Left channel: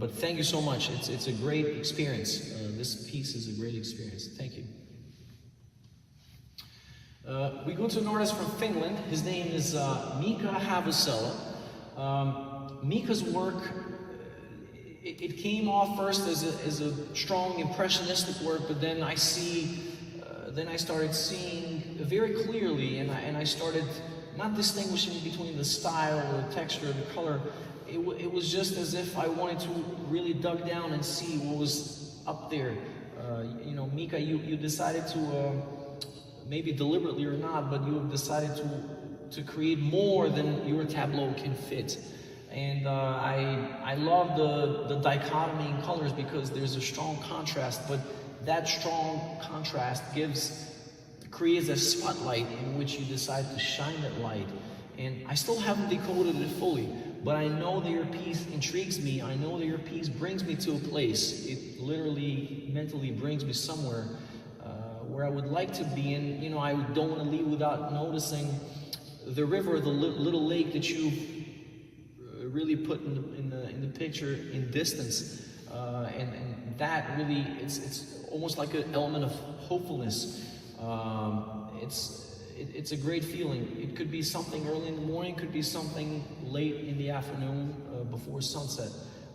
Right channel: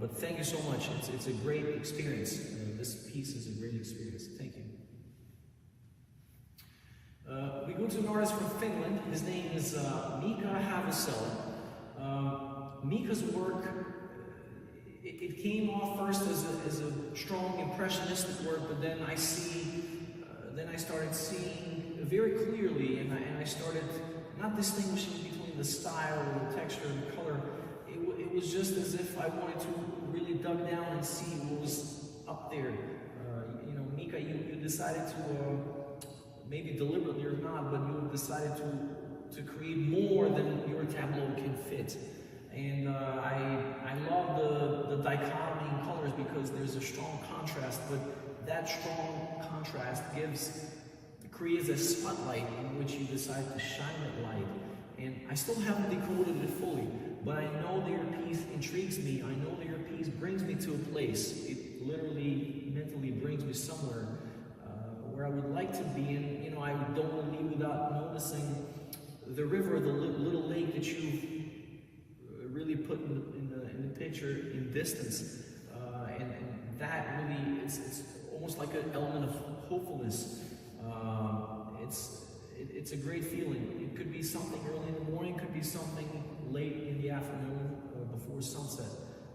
But thank you so much. It's a great experience. This piece is a great experience. Thank you. We go to an artist from Finland. His name is Mika Havusela. Mika's work, it came off first as a strong impressionistic work, but then I started seeing very clearly, and I started not distinguishing between the style, or the texture, the color. It was just as if I wanted to really dug down and see what was up there. You know, Mika, you decided to, maybe deliberately or not, but you have decided to create more than your tableau can fit. And I love the dichotomy in colors because there's a strong contrast, but that strong contrast creates a spotlight in which you decide to shine that light. And I still haven't decoded it fully, but I know that your piece intrigues me. I know that your piece brings me to a place. It literally, mentally brings me somewhere where I would like to be. And you know, I don't want to leave without noticing the river, the little lake that you really put in the picture in distance, and that really, it's almost like an element of hopefulness. It's a great feeling. It could be something early in the morning, could be something late in the afternoon before sunset,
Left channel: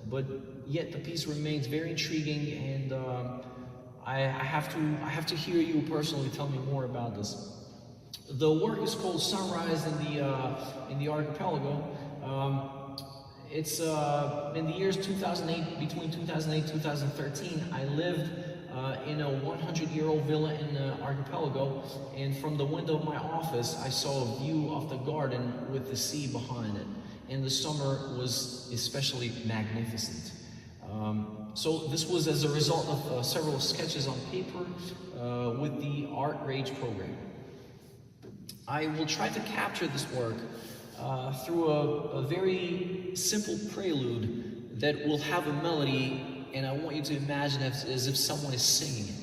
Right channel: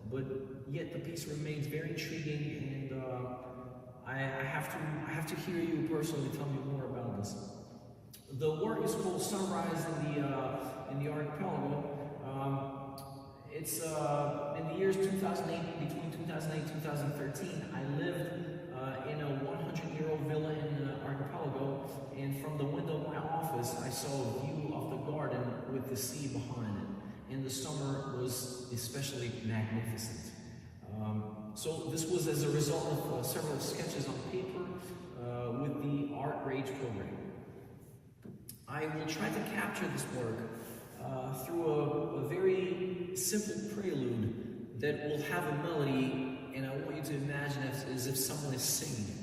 but yet the piece remains very intriguing, and I have to hear you personally tell me more about this. The work is called Sunrise in the Archipelago. It's in the years 2008, between 2008 and 2013, I lived in a 100-year-old villa in the archipelago, and from the window of my office, I saw a view of the garden with the sea behind it. And the summer was especially magnificent. So this was as a result of several sketches on paper with the Art Rage program. I will try to capture this work through a very simple prelude that will have a melody, and I want you to imagine it as if someone is singing it.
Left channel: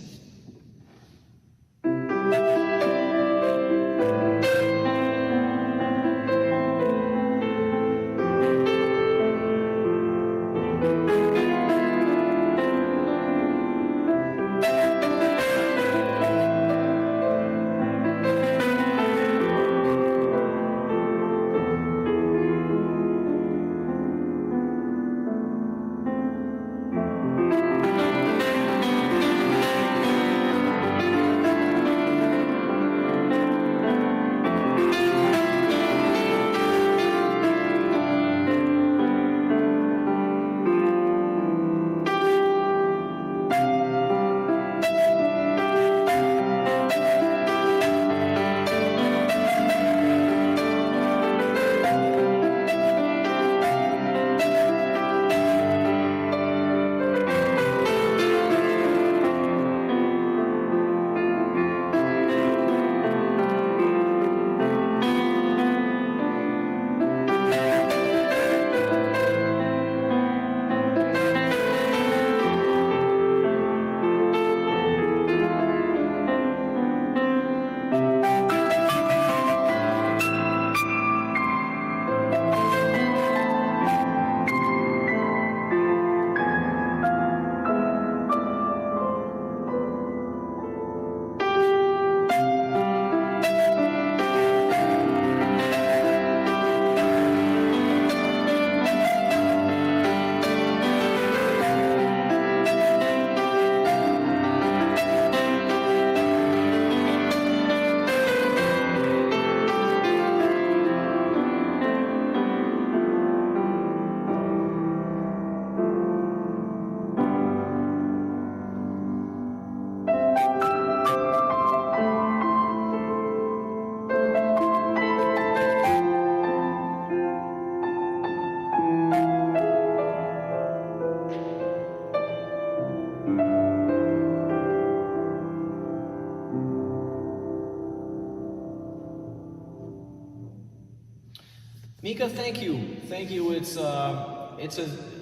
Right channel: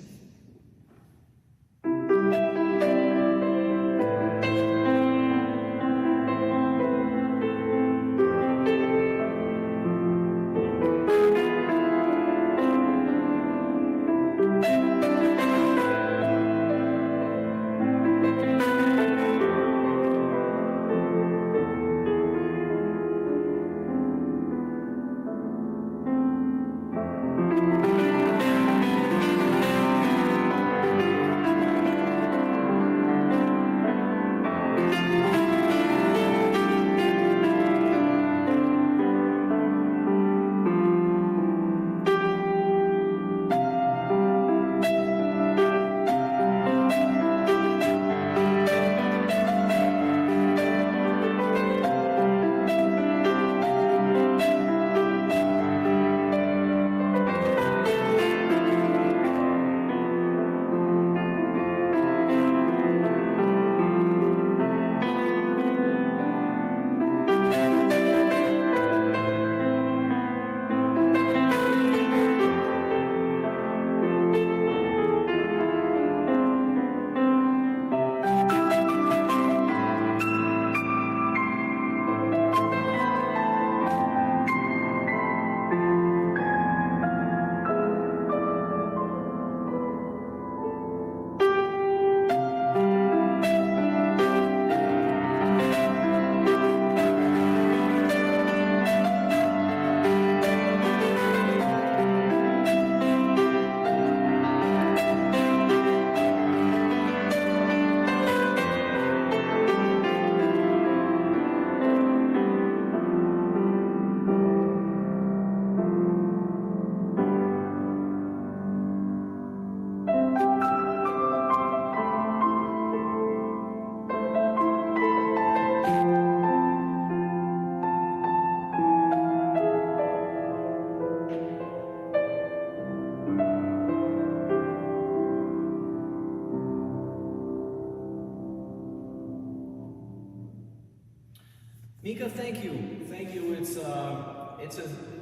Mika, thank you. Thank you. It's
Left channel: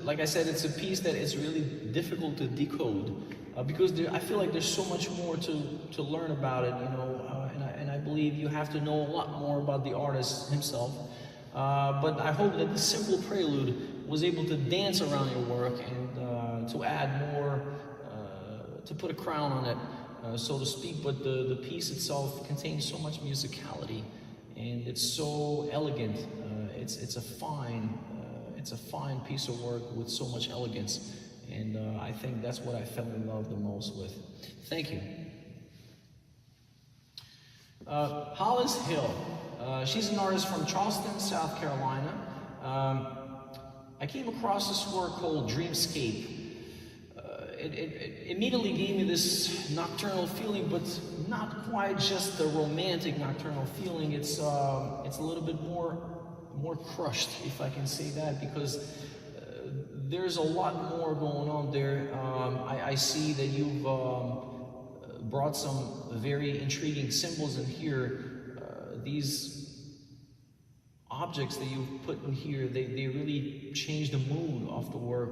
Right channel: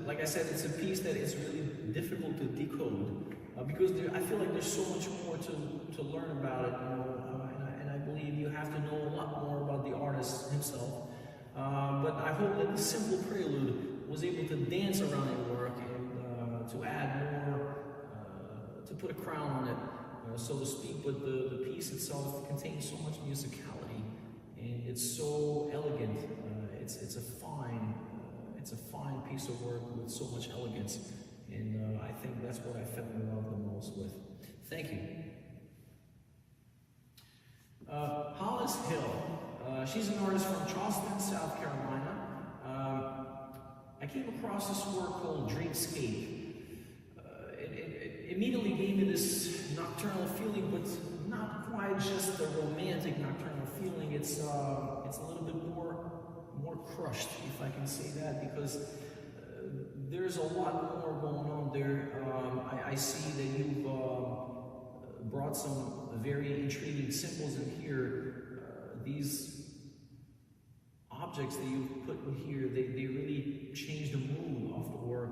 like I said, it's a piece that is really difficult to decode because I feel like there's so much more to learn about it, you know, and I believe you have to know a lot more about the artist himself. But I hope that the simple prelude was able to dance around your work and to add more, to put a crown on it, so to speak. But the piece itself contains so much musicality, and it's so elegant. It's a fine piece of work with so much elegance, and I think that's what I fell in love the most with. Thank you. Hollis Hill. She's an artist from Charleston, South Carolina. I came across this work called Dreamscape. It immediately gave me this nocturnal feeling, but not quite just the romantic nocturnal feeling. It's a little bit more crushed, if I can say that, because there's a lot more going on there. I see that you've brought some very intriguing symbols in here. These objects that you've put in here, they really change the mood of the work.